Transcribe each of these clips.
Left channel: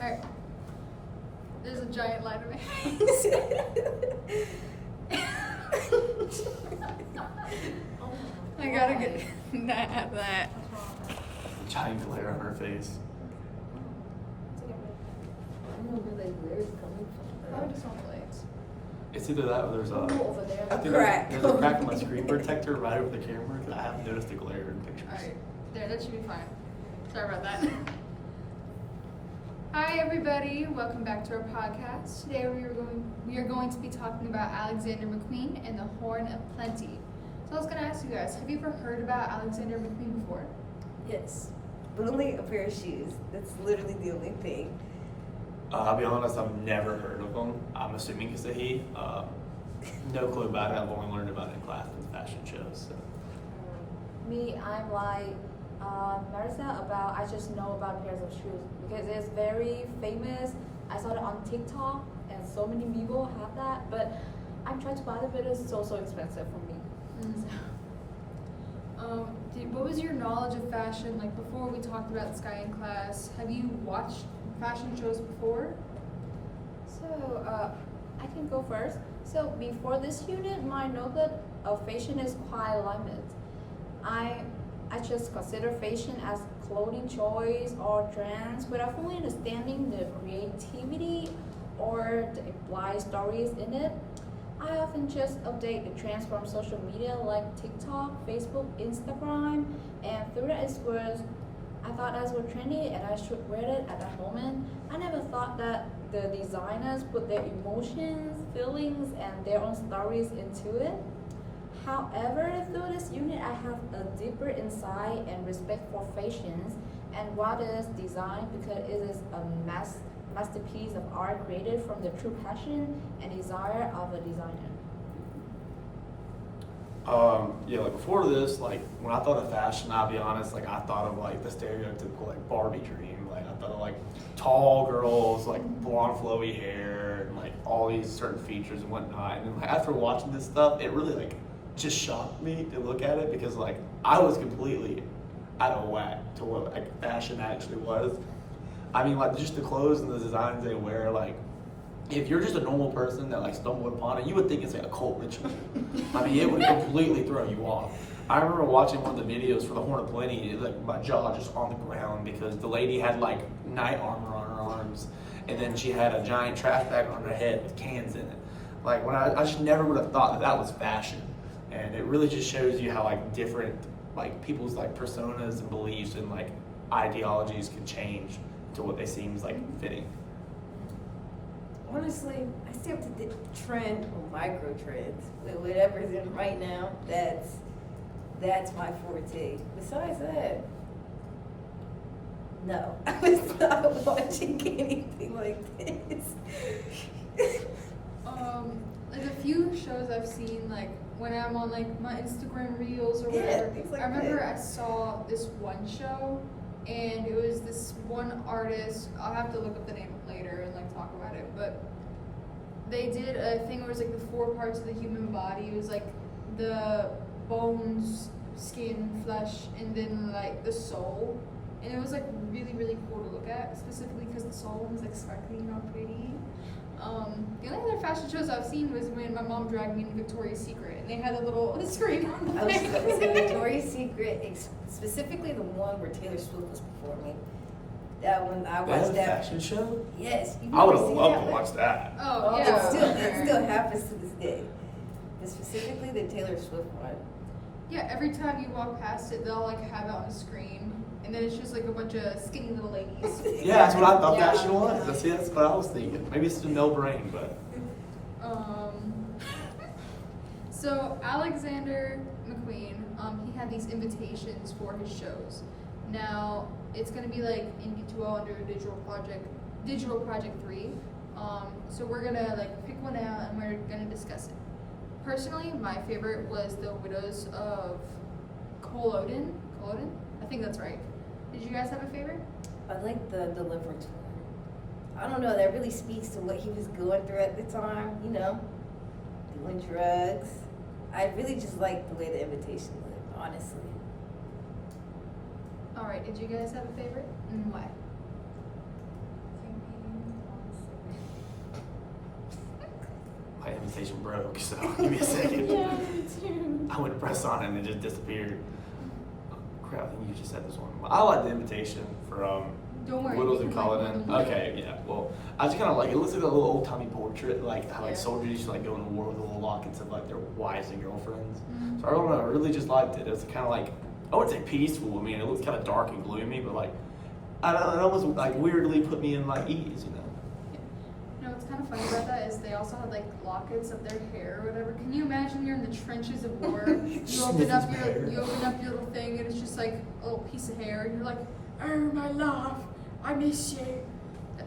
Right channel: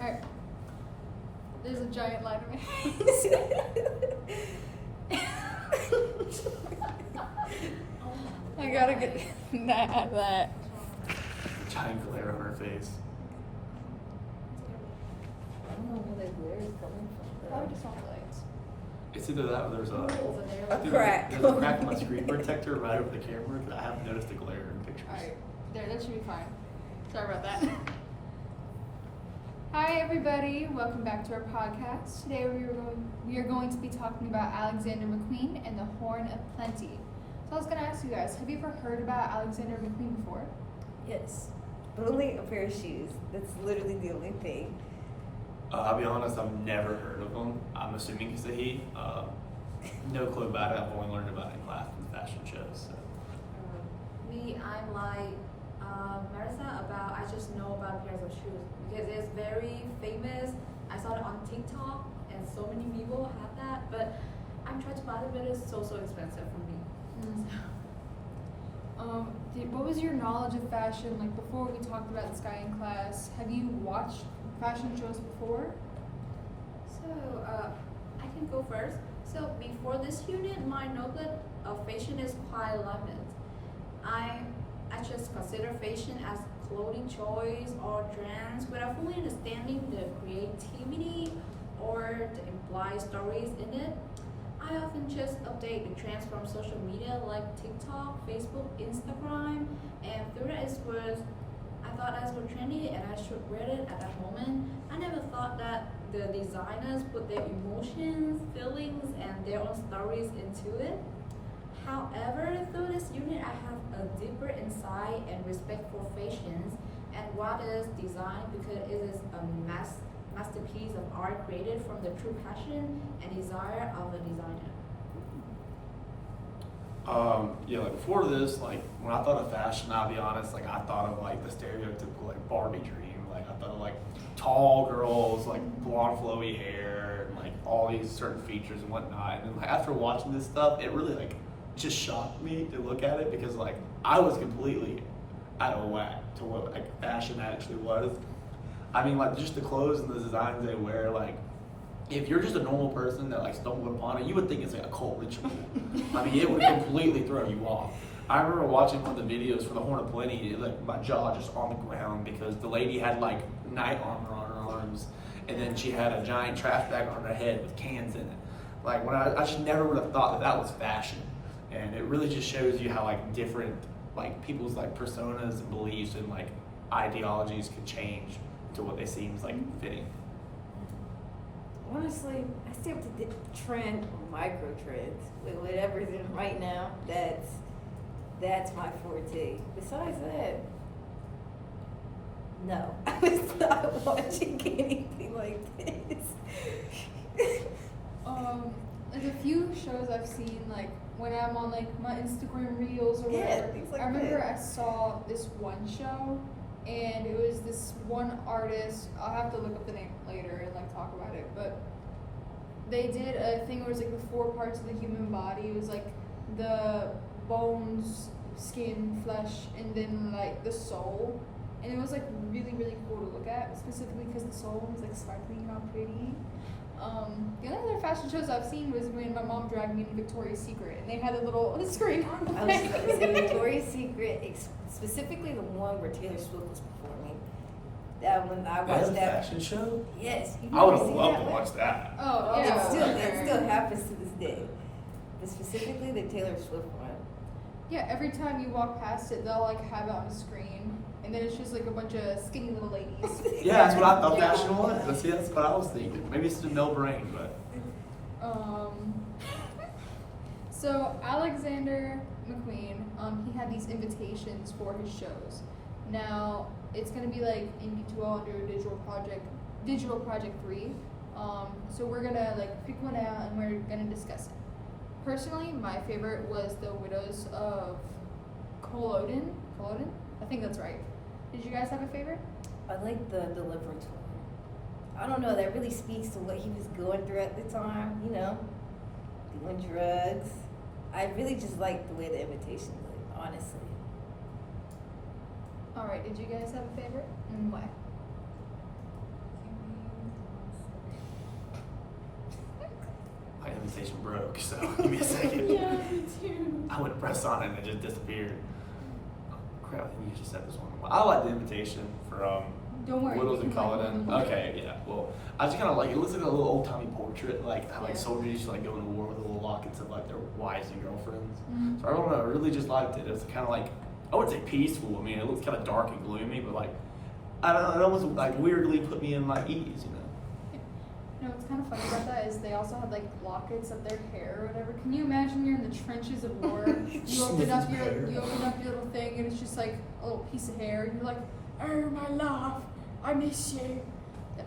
Alright. There's a giant light in my I gotta get that. Giant glare on her face. I don't know where that glare is coming from. Probably just on the lights. It's either that or there's Over there. a Crack. There's a crack in my screen protector right over the camera because I haven't noticed a glare in pictures. Alright. There, that should be fine. Sorry about that. Hi everybody, welcome back to our podcast. Today we are going to be talking about Alexander McQueen and the Horn of Plenty. So I was going to ask you guys, have you ever heard about Alexander McQueen before? Yes. But only a pair of shoes. That's literally the only thing. I'll be honest, I've never heard of him. I'm assuming it's a he. No clue about it. I've only learned about it in class and fashion shows. So. Me, I'm like Marissa I just know about pairs of shoes because it's very famous. I saw it on TikTok and so many people have that, but I'm trying to buy it, but it's so expensive for me. What was your knowledge of fashion like before we talked about this guy in class? Have you watched fashion shows before? So I can go first. So before this unit, my knowledge of fashion is quite limited. I just consider fashion as clothing choice or trends without fully understanding the creativity or the implied stories in it. I often just update the trends from social media like TikTok, Facebook, Instagram, and through that I thought those were trendy and I should wear it at that moment. I never thought that the designers put their emotions, feelings, and their own stories into it. However, through this unit, I have a deeper insight and respect for fashions and what is design because it is a masterpiece of art created from the true passion and desire of a designer. Yeah, like before this, like when I thought of fashion, I'll be honest, like I thought of like the stereotypical like Barbie dream. Like I thought of like tall girls, like blonde flowy hair, and like all these certain features and whatnot. And then like, after watching this stuff, it really like just shocked me to look at it because like I was completely out of whack to what like fashion actually was. I mean, like just the clothes and the designs they wear, like if you're just a normal person that like stumbled upon it, you would think it's like a cult ritual. I mean, it would completely throw you off. I remember watching one of the videos for the Horn of Plenty, like my jaw just on the ground because the lady had like knight armor on her arms, and then she had a giant trash bag on her head with cans in it. Like when I just never would have thought that was fashion, and it really just shows you how like different like people's like personas and beliefs and like ideologies can change to what they seem like fitting. Honestly, I still have to trend or micro trends. Whatever's in right now, that's my forte. Besides that, no. I was not watching anything like this. Like a few shows I've seen, like when I'm on like my Instagram reels or whatever. Yeah, things like I remember that. I saw this one show, and it was this one artist. I'll have to look up the name later and like talk about it. But they did a thing where it was like the 4 parts of the human body. It was like the bones, skin, flesh, and then like the soul. And it was like really cool to look at, specifically because the soul was like sparkly and all pretty. The only other fashion shows I've seen was when my mom dragged me to Victoria's Secret, and they had a little screen on the I was going to say Victoria's Secret, specifically the one where Taylor Swift was performing. That one, I They had watched a that. fashion show? Yes. I would have seen loved that to one? watch that. Oh, It yeah. still happens to this day. But specifically the Taylor Swift one. Yeah, every time you walk past it, they'll like have it on the screen, and then it's just like a bunch of skinny little ladies. Yeah, that's what I thought Yeah. fashion was. That's what I was thinking. Maybe it's still no brain, but So Alexander McQueen, he had these invitations for his shows. Now it's gonna be like in P2L under Digital Project 3. So we're gonna like pick one out and we're gonna discuss it. Personally, my favorite was The Widows of Culloden. I think that's right. Did you guys have a favorite? I like the Deliverance one. I don't know, that really speaks to what he was going through at the time, you know, doing drugs. I really just like the way the invitation looked, honestly. Alright, did you guys have a favorite? And why? For invitation broke, so give me a second. Yeah, me too. I went to press on it and it just disappeared. Oh, crap, I think you just said this one. I like the invitation from Don't worry. Littles you and can write Cullinan. more. Okay, yeah. Well, I just kind of like it. Looks like a little old timey portrait, like how like Yeah. soldiers used to like go to war with the little lockets of like their wives and girlfriends. Mhm. So I don't know. I really just liked it. It was kind of like I wouldn't say peaceful. I mean, it looks kind of dark and gloomy, but like I don't know. It almost like weirdly put me in my ease, you know. You know what's kind of funny about that is they also had like lockets of their hair or whatever. Can you imagine you're in the trenches of war? You open up your little thing and it's just like a little piece of hair and you're like, oh my love, I miss you.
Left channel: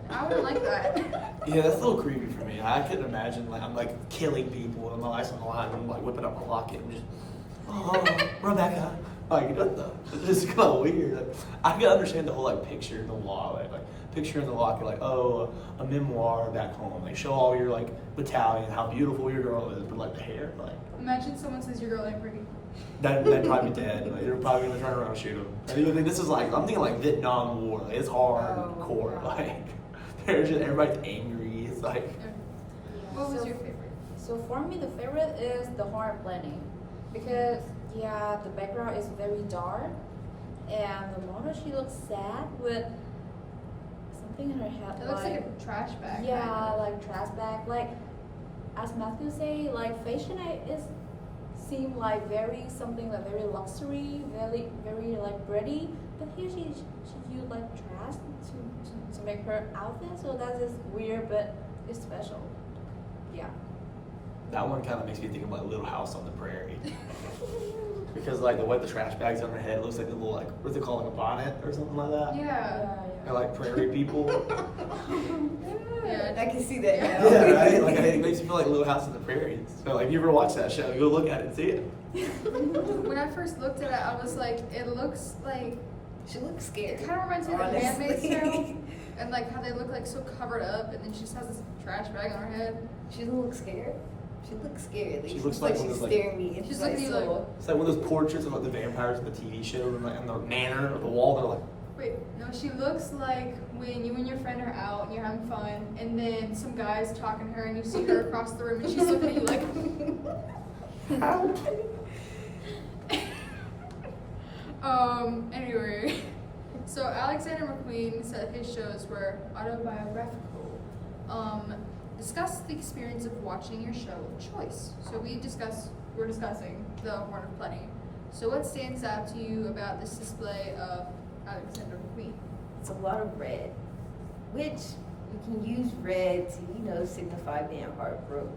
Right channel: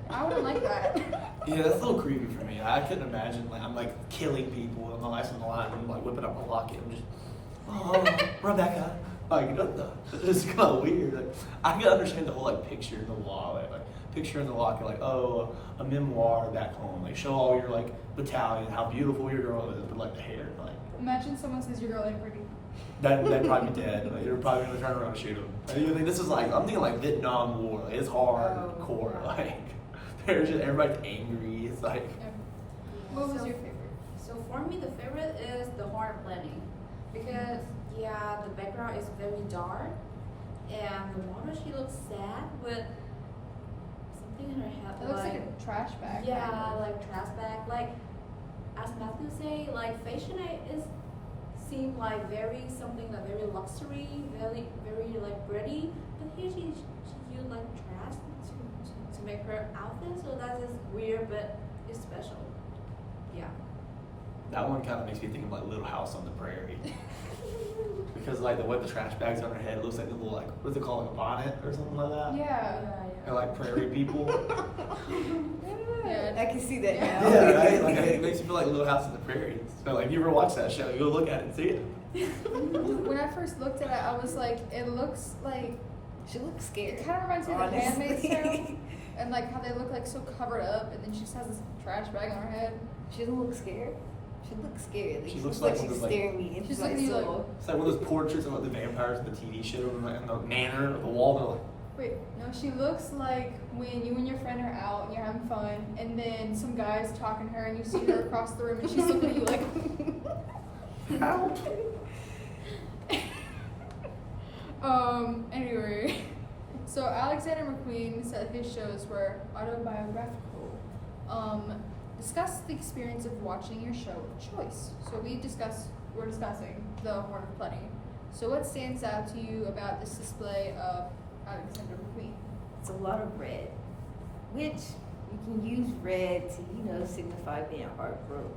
I wouldn't like that. Yeah, that's a little creepy for me. I couldn't imagine like I'm like killing people and my life's on the line and I'm like whipping up my locket and just Rebecca. Like it's kind of weird. Like, I can understand the whole like picture in the wall, like picture in the locket, like a memoir back home. Like show all your like battalion, how beautiful your girl is, but like the hair, like Imagine someone says your girl ain't pretty. that'd probably be dead. Like you're probably gonna turn around and shoot him. I even think this is like I'm thinking like Vietnam War. Like it's hardcore. Oh, Like there's just everybody's angry. It's like What was So- your favorite? So for me, the favorite is the horror planning because yeah, the background is very dark, and the model she looks sad with something in her head. It looks like a trash bag. yeah, kind of. like trash bag. Like as Matthew say, like fashion is seem like very something like very luxury, very like pretty. But here she used like trash to make her outfit. So that is weird, but it's special. Yeah. that one kind of makes me think of like Little House on the Prairie. Because like the way the trash bags on her head, it looks like a little like what's it called, like a bonnet or something like that. Yeah. They're like prairie people. I can see that now. Yeah, right. Like it makes me feel like Little House on the Prairie. So like if you ever watch that show, go look at it and see it. When I first looked at it, I was like, it looks like She looks scared. it kind of reminds me of the Handmaid's Tale, Honestly. and like how they look like so covered up, and then she just has this trash bag on her head. She doesn't look scared. She looks scared. She She looks looks like like one she's of those, like- staring me into She's my looking like- soul. It's like one of those portraits of like the vampires in the TV show and the manor of the wall. They're like, Wait, no, she looks like when you and your friend are out and you're having fun, and then some guy's talking to her, and you see her across the room, and she's looking at you like. how? Anyway, so Alexander McQueen said his shows were autobiographical. Discuss the experience of watching your show of choice. So we're discussing The Horn of Plenty. So what stands out to you about this display of Alexander McQueen? It's a lot of red, which you can use red to, signify being heartbroken.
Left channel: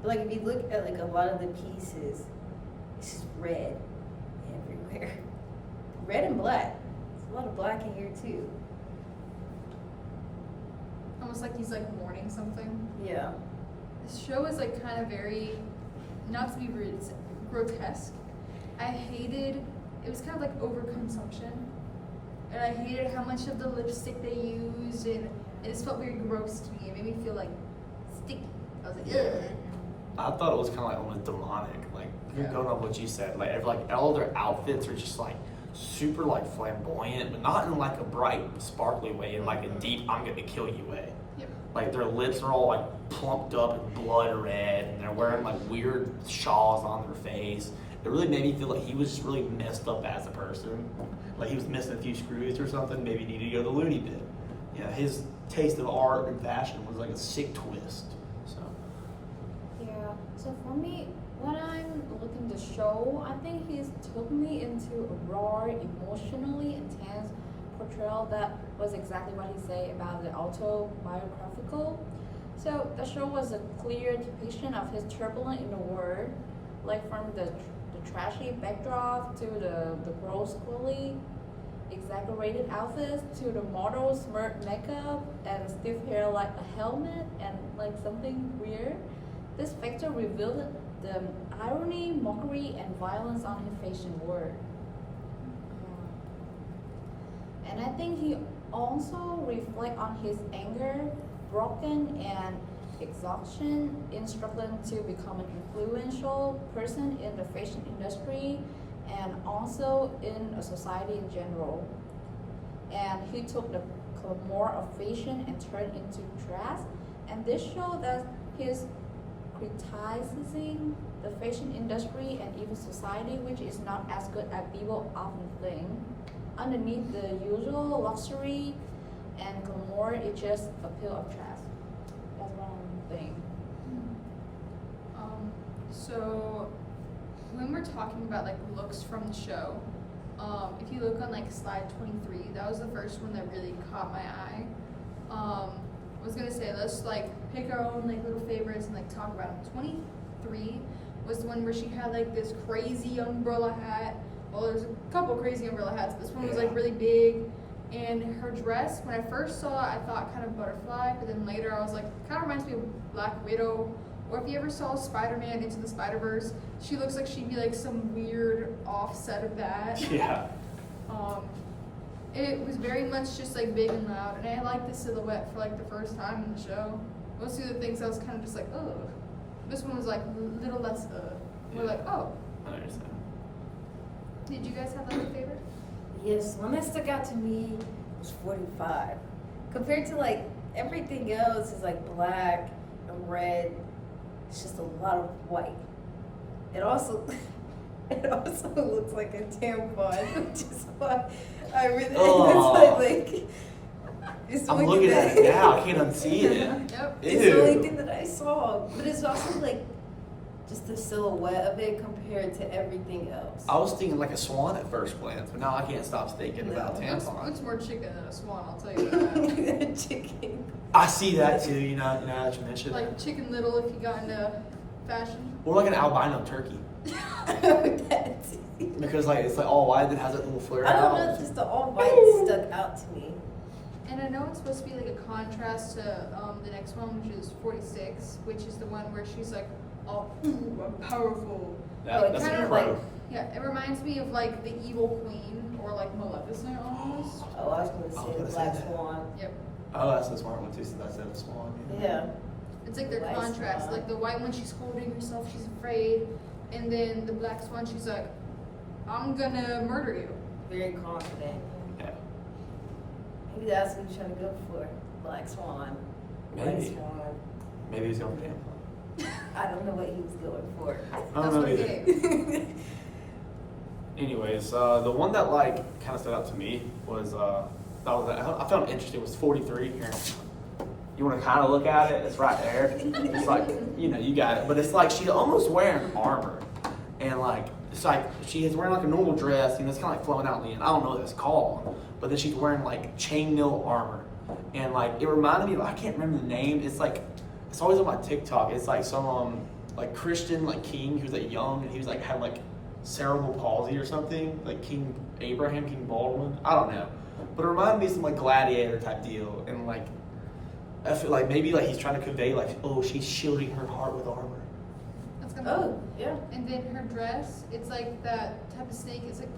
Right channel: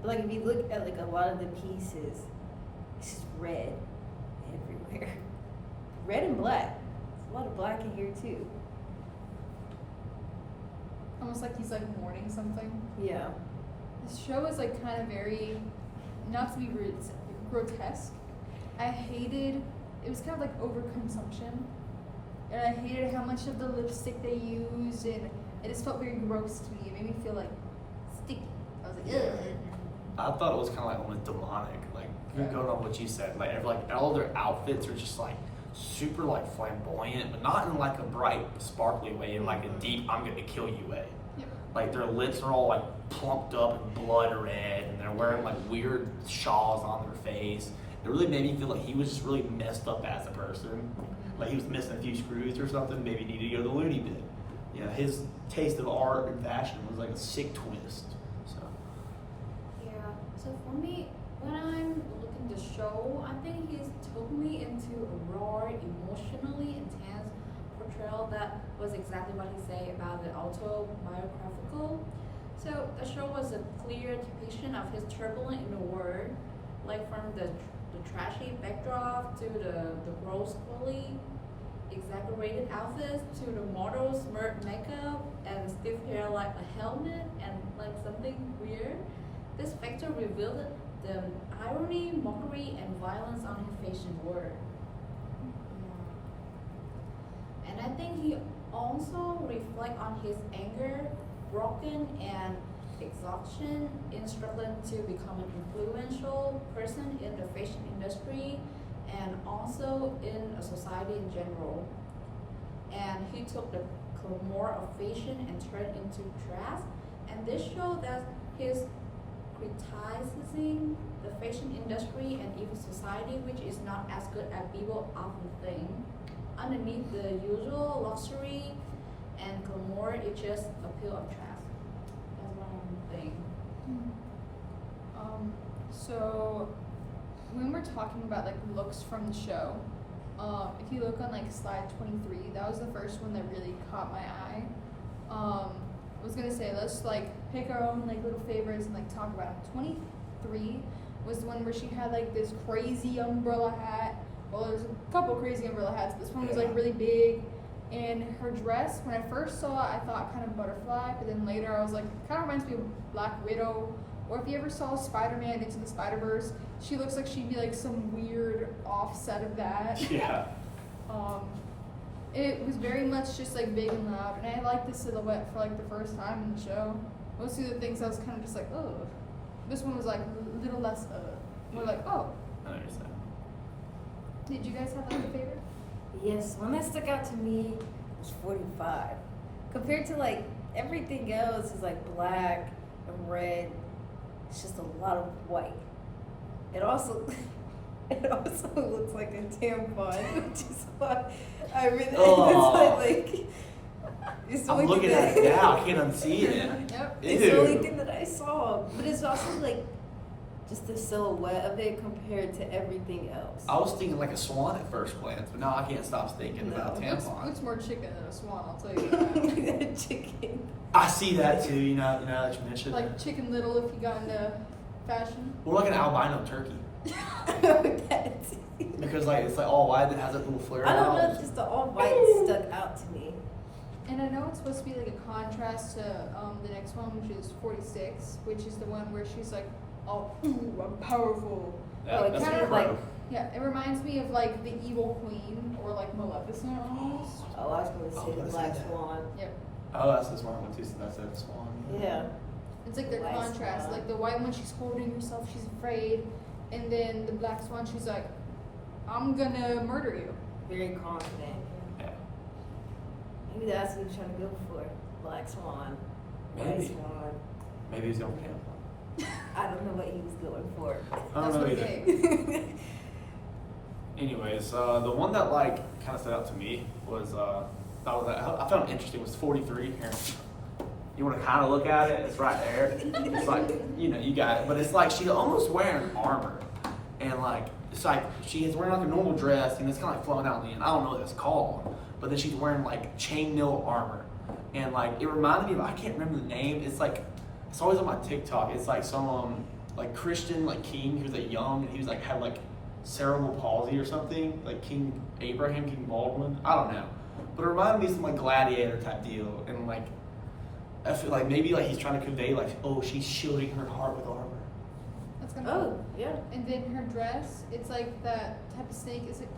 But like if you look at like a lot of the pieces, it's just red everywhere. Red and black. There's a lot of black in here too. Almost like he's like mourning something. Yeah. This show is like kind of very, not to be rude, it's grotesque. I hated, it was kind of like overconsumption. And I hated how much of the lipstick they used, and it just felt very gross to me. It made me feel like sticky. I was like, ugh. I thought it was kind of like almost demonic. Like Yeah. going on what you said, like all their outfits are just like super like flamboyant, but not in like a bright, sparkly way, in like a deep "I'm going to kill you" way. Yep. Like their lips are all like plumped up and blood red, and they're wearing like weird shawls on their face. It really made me feel like he was just really messed up as a person. Like he was missing a few screws or something. Maybe needed to go to the loony bin. You know, his taste of art and fashion was like a sick twist. So Yeah. So for me, when I'm looking the show, I think he's took me into a raw, emotionally intense portrayal that was exactly what he said about the autobiographical. So the show was a clear depiction of his turbulent inner world, like from the trashy backdrop to the grossly exaggerated outfits to the model's smirk makeup and stiff hair like a helmet and like something weird. This factor revealed the irony, mockery, and violence on his fashion world. And I think he also reflects on his anger, broken, and exhaustion in struggling to become an influential person in the fashion industry and also in a society in general. And he took the glamour of fashion and turned into dress. And this shows that his criticizing the fashion industry and even society, which is not as good as people often think. Underneath the usual luxury and glamour, it's just a pile of trash. That's what I'm thinking. So when we're talking about like looks from the show, if you look on like slide 23, that was the first one that really caught my eye. I was gonna say let's like pick our own like little favorites and like talk about them. 23 was the one where she had like this crazy umbrella hat. Well, there's a couple crazy umbrella hats. This one was like really big, and her dress. When I first saw it, I thought kind of butterfly, but then later I was like, kind of reminds me of Black Widow. Or if you ever saw Spider-Man Into the Spider-Verse, she looks like she'd be like some weird offset of that. Yeah. It was very much just like big and loud, and I liked the silhouette for like the first time in the show. Most of the things I was kind of just like, oh. This one was like a little less, more like, oh. I understand. Did you guys have like a favorite? Yes, one that stuck out to me was 45. Compared to like everything else is like black and red. It's just a lot of white. It also looks like a tampon, which is why I really Oh. it's the I'm only looking thing at it now. I can't unsee it. Yep. It's the only Ew. thing that I saw, but it's also like just the silhouette of it compared to everything else. I was thinking like a swan at first glance, but now I can't stop thinking about No. tampon. Looks more chicken than a swan, I'll tell you that. Chicken. I see that too. You know that you mentioned. Like Chicken Little if you got into fashion. Or like an albino turkey, That's- because like it's like all white that has that little flare. I don't out. know, just the all white stuck out to me. And I know it's supposed to be like a contrast to the next one, which is 46, which is the one where she's like, oh, ooh, I'm powerful. That- Like, that's kind the of pro. like- Yeah, it reminds me of like the Evil Queen or like Maleficent almost. Oh, I was gonna I was say gonna the say Black that. Swan. Yep. Oh, that's the smart one too. So that's the swan. Yeah. It's like The the white contrast. swan. Like the white one, she's holding herself, she's afraid. And then the black swan, she's like, I'm gonna murder you. Very confident. Yeah. Maybe that's what he was trying to go for. Black Swan. White Maybe. Swan. Maybe he's going tampon. I don't know what he was going for. I don't know either. Anyways, the one that like kind of stood out to me was I found it interesting was 43 here. You want to kind of look at it? It's right there. It's like you got it, but it's like she's almost wearing armor, and like it's like she is wearing like a normal dress, it's kind of like flowing out in the end. I don't know what that's called, but then she's wearing like chainmail armor, and like it reminded me of I can't remember the name. It's like it's always on my TikTok. It's like some like Christian like king who was like young and he was like had like cerebral palsy or something, like King Abraham, King Baldwin. I don't know, but it reminded me of some like gladiator type deal, and like I feel like maybe like he's trying to convey like, oh, she's shielding her heart with armor. That's gonna Oh, yeah. And then her dress, it's like that type of snake. Is it,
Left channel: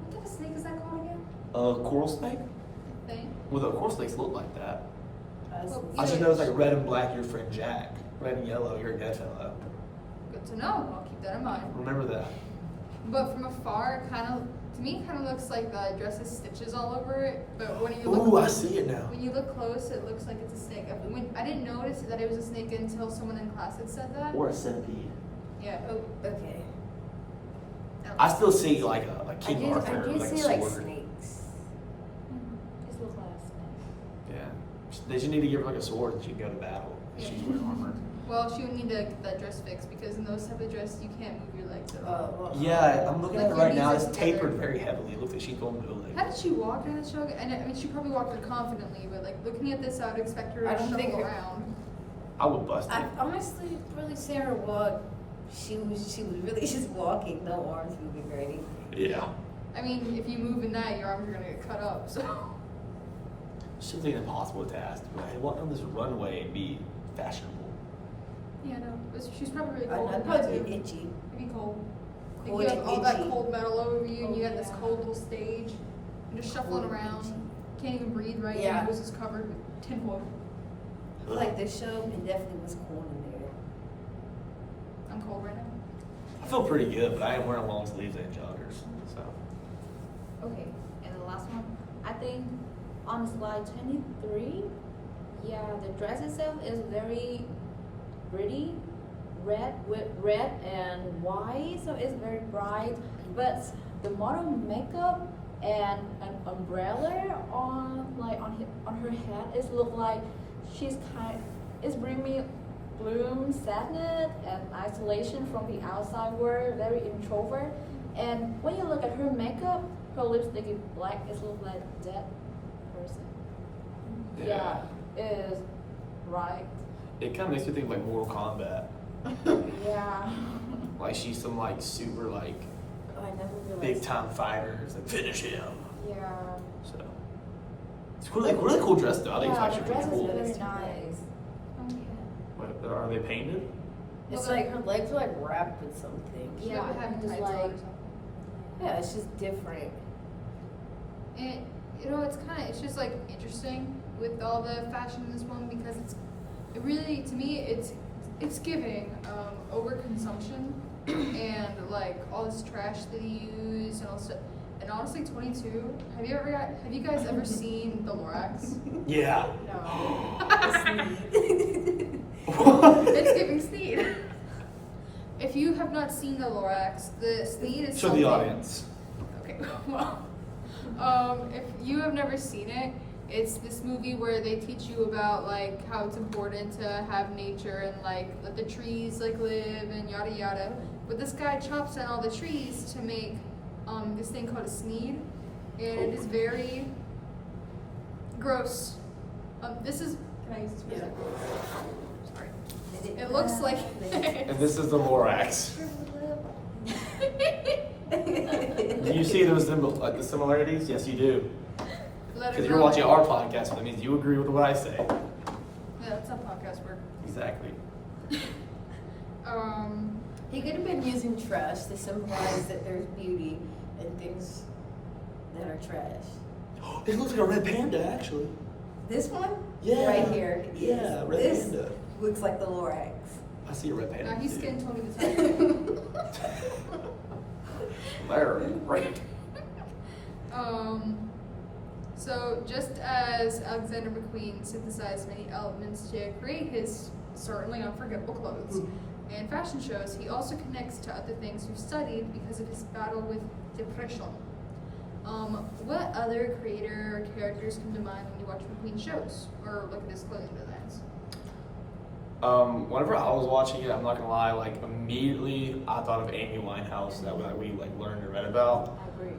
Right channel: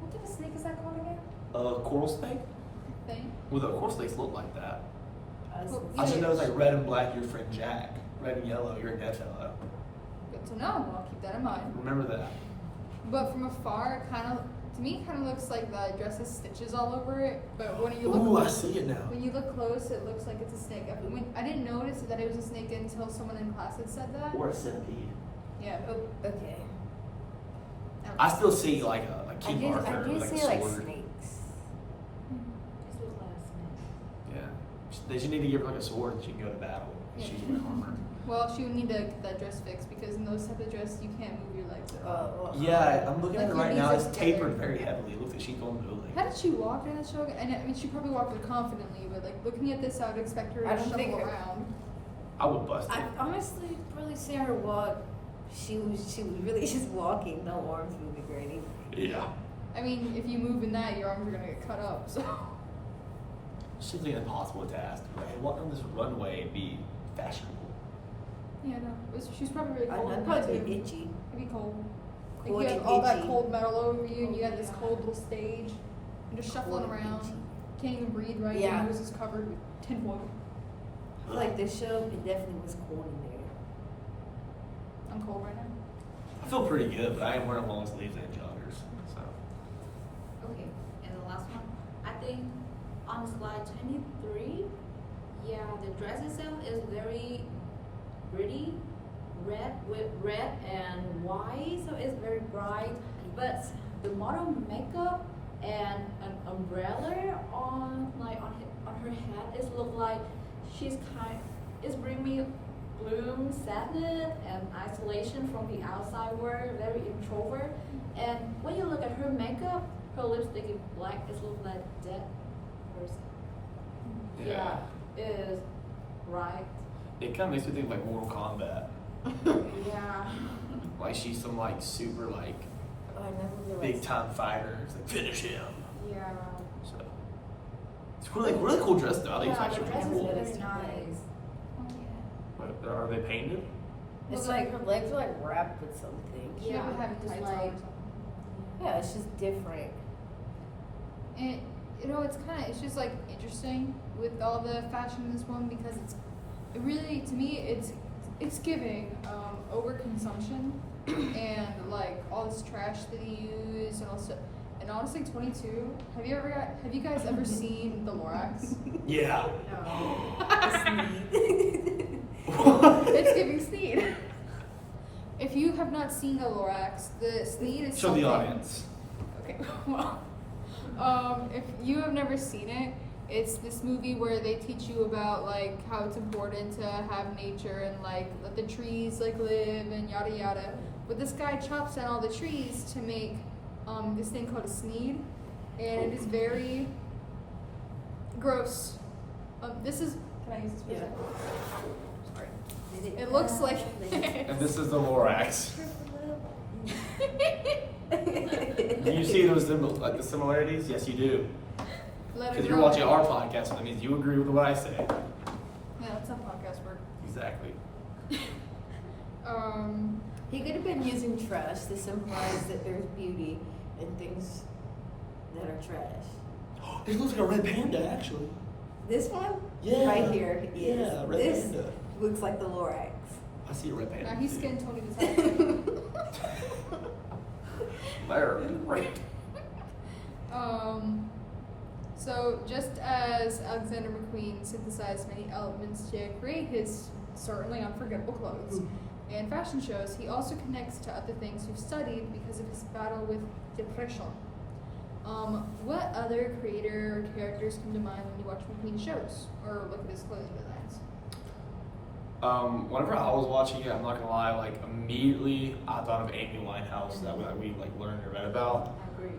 what type of snake is that called again? Coral snake? The thing? Well, the coral snakes look like that. Well, I just know it's like red and black, your friend Jack. Red and yellow, you're a dead fellow. Good to know. I'll keep that in mind. Remember that. But from afar, it kind of, to me, it kind of looks like the dress has stitches all over it. But when you look Ooh, I close, see it now. when you look close, it looks like it's a snake. I didn't notice that it was a snake until someone in class had said that. Or a centipede. Yeah. Oh, okay. I still see like a I King did, Arthur I did with see a like sword. snakes. This was last night. Yeah. They just need to give her like a sword and she can go to battle. She's wearing armor. Well, she would need to get that dress fixed because in those type of dresses, you can't move your legs at all. Oh, well, Yeah, I'm looking at it right now. It's Like, tapered very heavily. It looks like she's going bootleg. How did she walk during the show? And I mean, she probably walked very confidently, but like looking at this, I would expect her I to don't think shuffle her- around. I would bust it. I honestly really see her walk. She was really just walking, no arms moving or anything. Yeah. I mean, if you move at night, your arms are gonna get cut up. So Something impossible to ask. Right? Walk down this runway and be fashionable. yeah, no, she's probably really I cold. know, I'd in there, probably too. be itchy. It'd be cold. Cold Like you have and all that itchy. cold metal over you, and you Oh, got this yeah. cold little stage. You're just shuffling Cold and around. itchy. Can't even breathe right. Yeah. Your nose is covered with tinfoil. I feel like this show, it definitely was cold in there. I'm cold right now. I feel pretty good, but I am wearing long sleeves and joggers. So Okay, and the last one, I think on slide 23, yeah, the dress itself is very pretty, red with red and white, so it's very bright. But the model makeup and an umbrella on her head is look like she's it's bring me gloom, sadness, and isolation from the outside world. Very introvert. And when you look at her makeup, her lipstick is black. It looks like dead person. Yeah, it is right. It kind of makes me think of like Mortal Kombat. Yeah. Like she's some like super like Oh, I never realized. big time fighter. It's like finish him. Yeah. So it's really cool dress though. I think Yeah, it's the actually dress pretty is cool. very It's too nice. nice. Oh yeah. What, are they painted? It's like her legs are like wrapped with something. She Yeah, had it's tights like- on or something. Yeah, it's just different. And it's just like interesting with all the fashion in this one because it really, to me, it's giving overconsumption and like all this trash that you use and also, and honestly, 22. Have you guys ever seen the Lorax? Yeah. It's giving Sneed. If you have not seen the Lorax, the Sneed is Show something. the audience. Okay. Well, if you have never seen it, it's this movie where they teach you about like how it's important to have nature and like let the trees like live and yada yada. But this guy chops down all the trees to make this thing called a Sneed, and it is very gross. This is. Can I use this for a Yeah. second? Sorry. It looks like. And this is the Lorax. Do you see those the similarities? Yes, you do. Because you're watching our podcast, so that means you agree with what I say. Yeah, that's how podcast work. Exactly. He could have been using trash to symbolize that there's beauty in things that are trash. It looks like a red panda, actually. This one? Yeah. Right here is. Yeah, red this panda. looks like the Lorax. I see a red panda. Now he's too. skin told me to tell you. There, right. So just as Alexander McQueen synthesized many elements to create his certainly unforgettable clothes and fashion shows, he also connects to other things we've studied because of his battle with depression. What other creator or characters come to mind when you watch McQueen shows or look at his clothing designs? Whenever I was watching it, I'm not gonna lie, like immediately I thought of Amy Winehouse that we like learned and read about. I agree.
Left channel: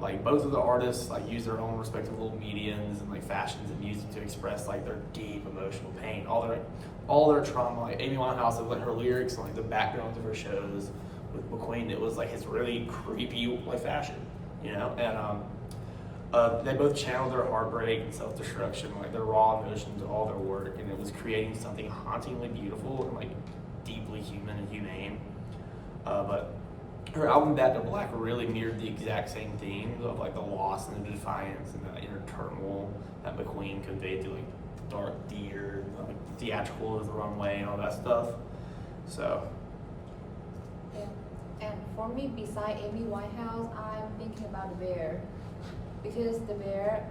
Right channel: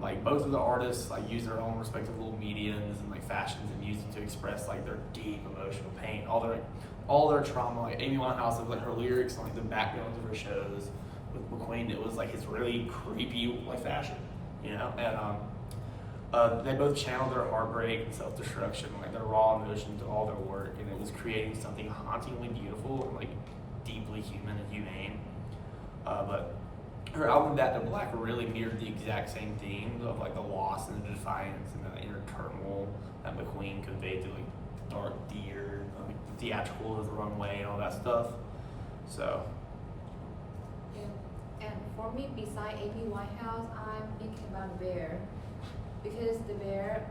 Like both of the artists like use their own respective little mediums and like fashions and music to express like their deep emotional pain, all their trauma. Like Amy Winehouse, like her lyrics and like the backgrounds of her shows. With McQueen, it was like his really creepy like fashion, you know. And they both channeled their heartbreak and self-destruction, like their raw emotion to all their work, and it was creating something hauntingly beautiful and like deeply human and humane. But her album Back to Black really mirrored the exact same themes of like the loss and the defiance and the inner turmoil that McQueen conveyed through like the Dark Deer, like Theatrical is the Wrong Way, and all that stuff. So And for me, beside Amy Winehouse, I'm thinking about Bear. Because the Bear,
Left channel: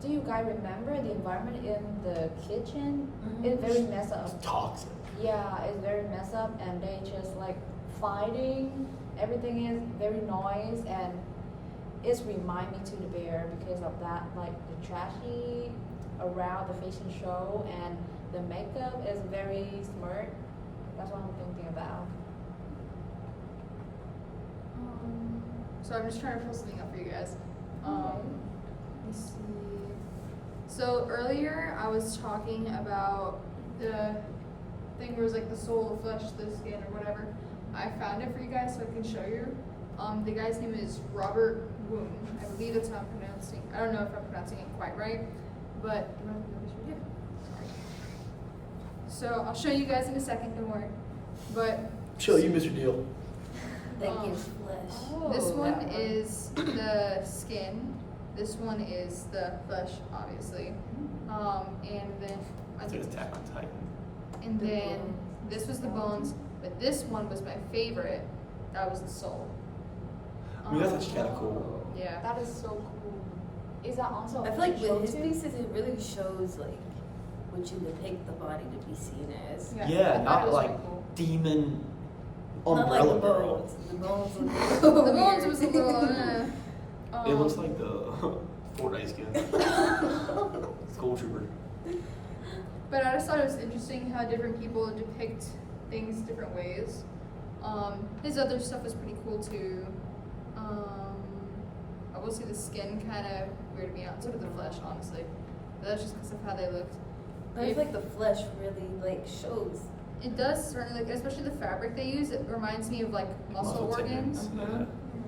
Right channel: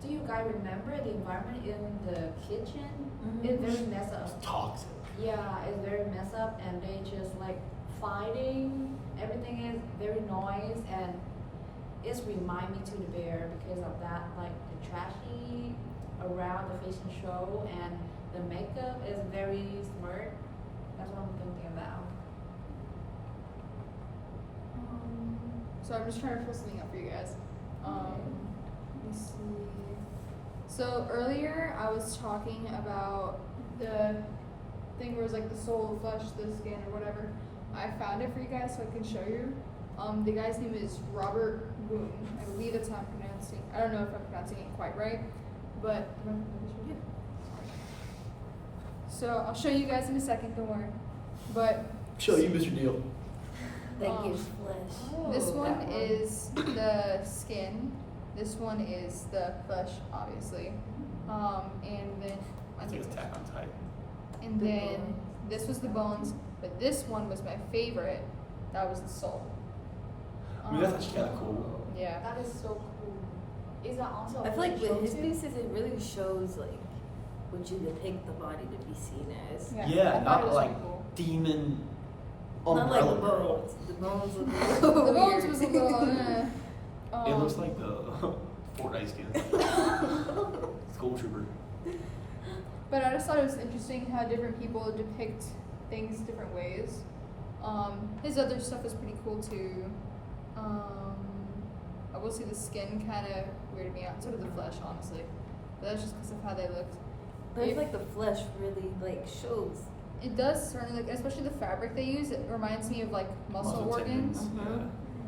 do you guys remember the environment in the kitchen? It's very messed up. toxic. Yeah, it's very messed up, and they just like fighting. Everything is very noise, and it's remind me to the Bear because of that, like the trashy around the fashion show, and the makeup is very smart. That's what I'm thinking about. So I'm just trying to pull something up for you guys. Let's see. So earlier I was talking about the thing where it was like the soul, the flesh, the skin, or whatever. I found it for you guys so I can show you. The guy's name is Robert Woon. I believe that's how I'm pronouncing. I don't know if I'm pronouncing it quite right, but so I'll show you guys in a second. Don't worry. But Show you, Mr. Deal. That gives flesh. Oh, this one that one. is the skin. This one is the flesh, obviously. And then I think it's Attack on Titan. and The then bones. this was the bones, but this one was my favorite. That was the soul. I mean, that's actually kind of cool. Yeah. That is so cool. Is that also? I feel like with his pieces, it really shows like what you depict the body to be seen as. Yeah, I thought not it was like really cool. demon Not like umbrella the girl. bones. The bones look a The little bones weird. was a little. It looks like the Fortnite skin. School trooper. But I just thought it was interesting how different people depict things different ways. His other stuff was pretty cool too. I will say the skin kind of weirded me out. So did the flesh, honestly. But that's just because of how they looked. But I feel like the flesh really like shows. It does certainly, like, especially the fabric they use. It reminds me of like muscle organs. tendons. Mhm. Yeah.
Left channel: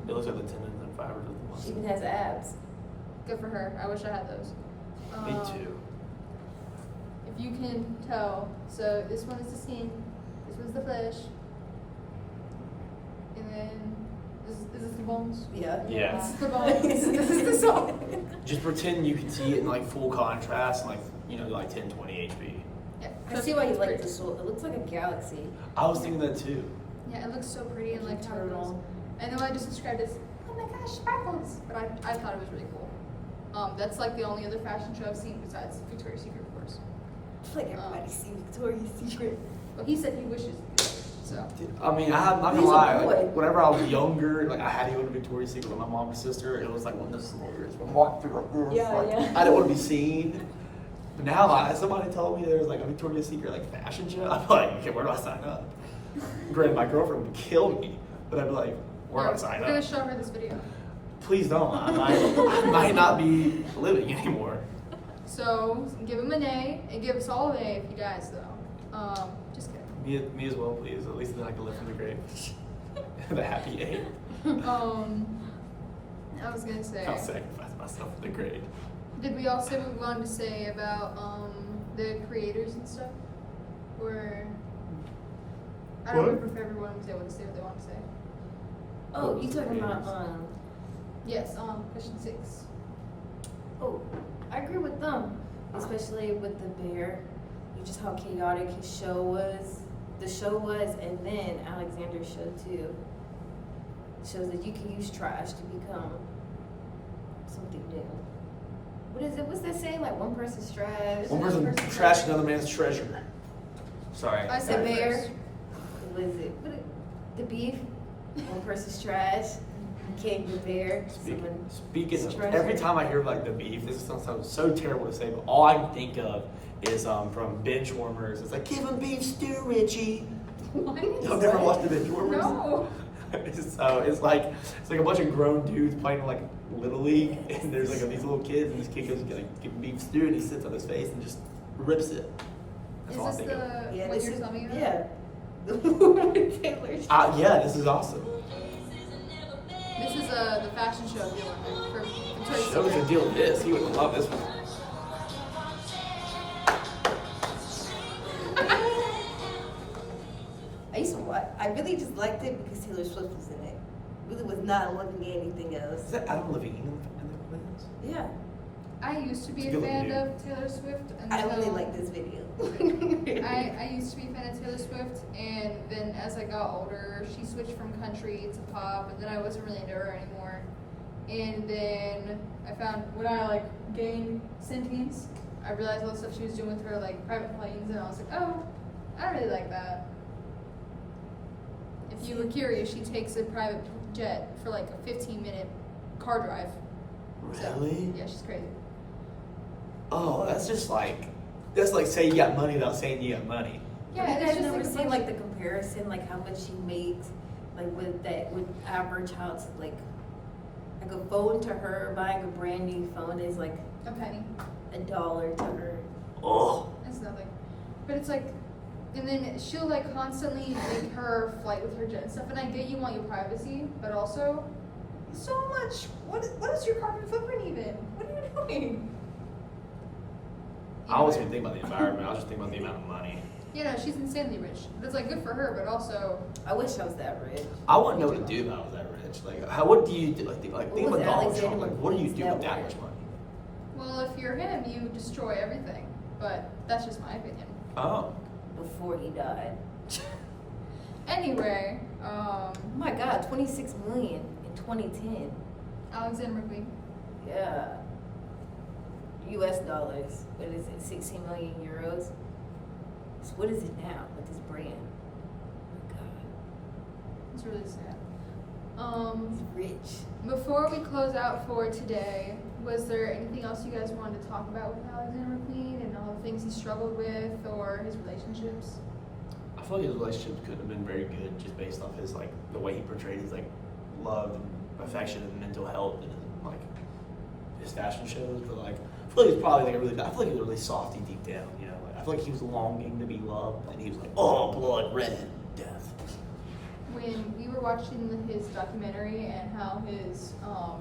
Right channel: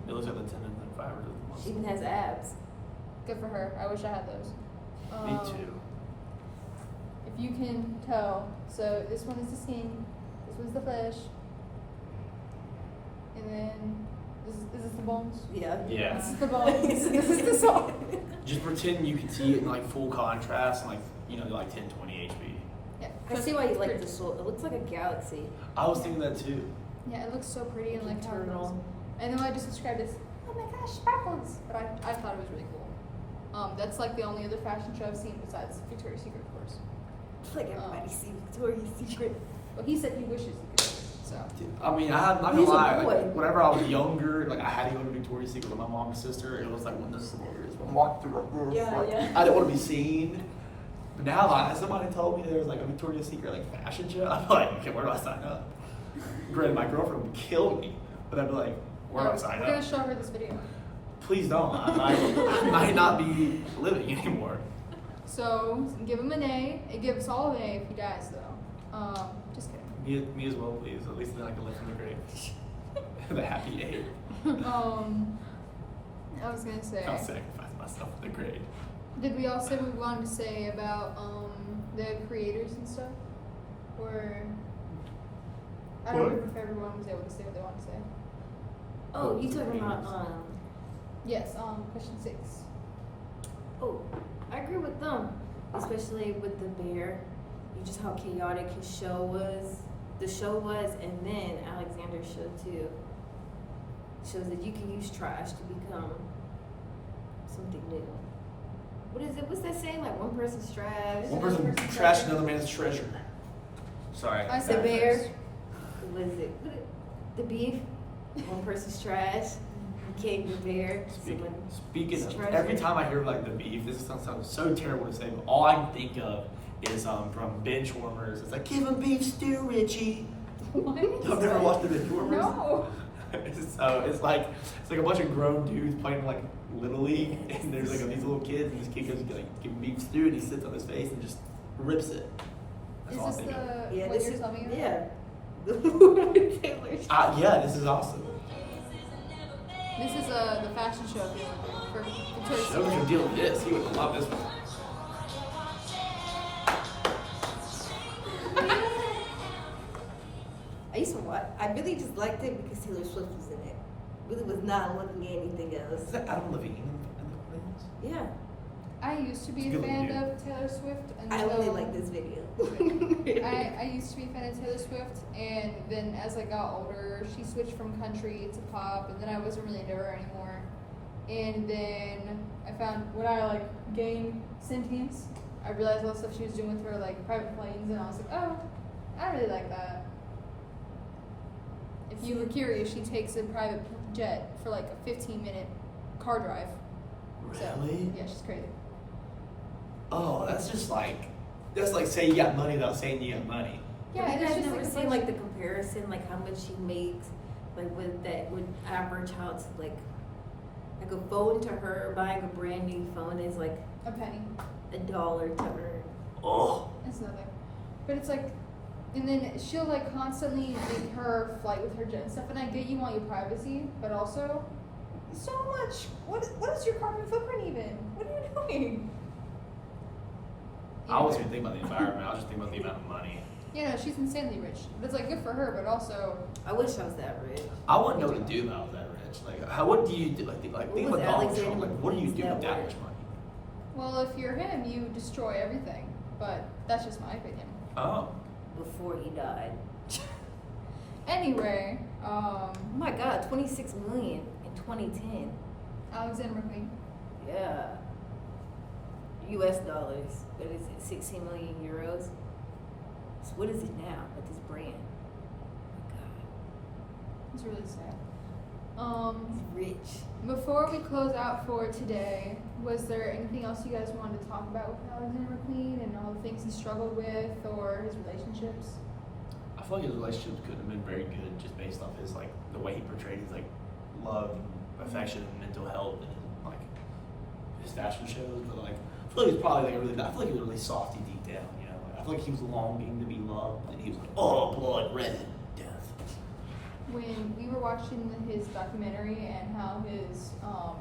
It looks like the tendons and fibers of the She muscle. even has abs. Good for her. I wish I had those. Me too. If you can tell, so this one is the skin, this one's the flesh, and then is this the bones? Yeah. Yeah. This is the bones. This is the soul. Just pretend you can see it in like full contrast and like, you know, like 1020 HP. Yeah, I so see why you it's like pretty. the soul. It looks like a galaxy. I was thinking that too. Yeah, it looks so pretty and like how it looks. Turtle. And then I just described it as, oh my gosh, sparkles. But I thought it was really cool. That's like the only other fashion show I've seen besides Victoria's Secret, of course. It's like everybody see Victoria's Secret. But he said he wishes he could. So I mean, I'm not gonna He's a lie. boy. Like, whenever I was younger, like I had to go to Victoria's Secret with my mom and sister. It was like one of the scenarios. I'm walking through like this. Yeah, like, yeah. I didn't want to be seen. But now, like, somebody told me there was like a Victoria's Secret like fashion show. I'm like, okay, where do I sign up? Granted, my girlfriend would kill me, but I'd be like, where do I sign We're gonna up? show her this video. Please don't. I might not be living anymore. So give him an A. And give us all an A if he dies, though. Just kidding. Me as well, please. At least then I can live from the grave. The happy eight. I was gonna say. I'll sacrifice myself for the grave. Did we also move on to say about the creators and stuff? Or I don't What? remember if everyone was able to say what they want to say. Oh, you talking about Yes. Question 6. Oh, I agree with them, especially with the bear. You just how chaotic his show was. The show was, and then Alexander's show too. Shows that you can use trash to become something new. What is it? What's that saying? Like one person's trash. One person trashed another man's treasure. Sorry. I The said bear. first. What is it? The beef. One person's trash. You can't get bear. Speaking of, treasure. every time I hear like the beef, this sounds so terrible to say, but all I can think of is from Benchwarmers. It's like, give him beef stew, Richie. I've never watched the Benchwarmers. No. So it's like a bunch of grown dudes playing like Little League, and there's like these little kids, and this kid goes like give him beef stew, and he sits on his face and just rips it. That's all I Is this think of. the Yeah, what this you're is telling me about? yeah. The one with Taylor. Yeah, this is awesome. This is the fashion show at the Olympic for Victoria's Show us your Secret. deal with this. He would love this one. I used to watch. I really just liked it because Taylor Swift was in it. Really was not looking at anything else. Is that Adam Levine in the audience? Yeah, I used to be It's a a good fan looking of Taylor Swift. I only until- like this video. I used to be a fan of Taylor Swift, and then as I got older, she switched from country to pop, and then I wasn't really into her anymore. And then I found when I like gained sentience, I realized all the stuff she was doing with her like private planes, and I was like, oh, I really like that. If you were curious, she takes a private jet for like a 15-minute car drive. So, Really? yeah, she's crazy. Oh, that's like saying you got money without saying you got money. Yeah, Have you it's guys just never like a seen bunch like of- the comparison, like how much she makes, like with that with average house, like a phone to her buying a brand new phone is like a penny. $1 to her. Oh, That's nothing. But it's like, and then she'll like constantly make her flight with her jet and stuff. And I get you want your privacy, but also, so much. What is your carbon footprint even? What are you doing? I wasn't even thinking about the environment. I was just thinking about the amount of money. You know, she's insanely rich. That's like good for her, but also, I wish I was that rich. I wouldn't know what to do if I was that rich. Like, what do you do? Like think What about was Donald Alexander Trump. Like, what do you do McQueen's with net that worth? much money? well, if you're him, you destroy everything. But that's just my opinion. Oh, Before he died. Anyway, Oh my God, 26 million in 2010. Alexander McQueen. Yeah. US dollars. What is it? 16 million euros. So what is it now with this brand? Oh my God, It's really sad. he's rich. Before we close out for today, was there anything else you guys wanted to talk about with Alexander McQueen and all the things he struggled with or his relationships? I feel like his relationships could have been very good just based off his like the way he portrayed his like love and affection and mental health and like his fashion shows. But like I feel like he's probably like a really I feel like he was really softy deep down, you know. Like, I feel like he was longing to be loved and he was like, oh, blood red death. When we were watching his documentary and how his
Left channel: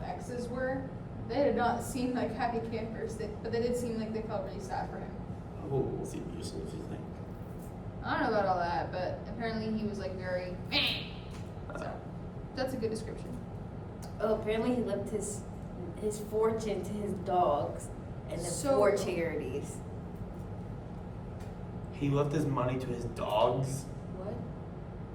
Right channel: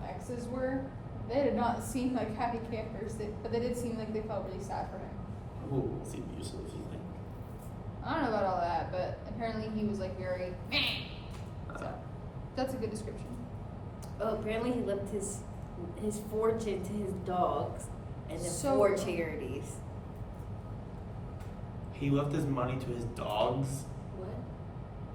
exes were, they did not seem like happy campers, but they did seem like they felt really sad for him. Oh, we'll see what you think. I don't know about all that, but apparently he was like very. So that's a good description. Oh, apparently he left his fortune to his dogs and then So- 4 charities. He left his money to his dogs.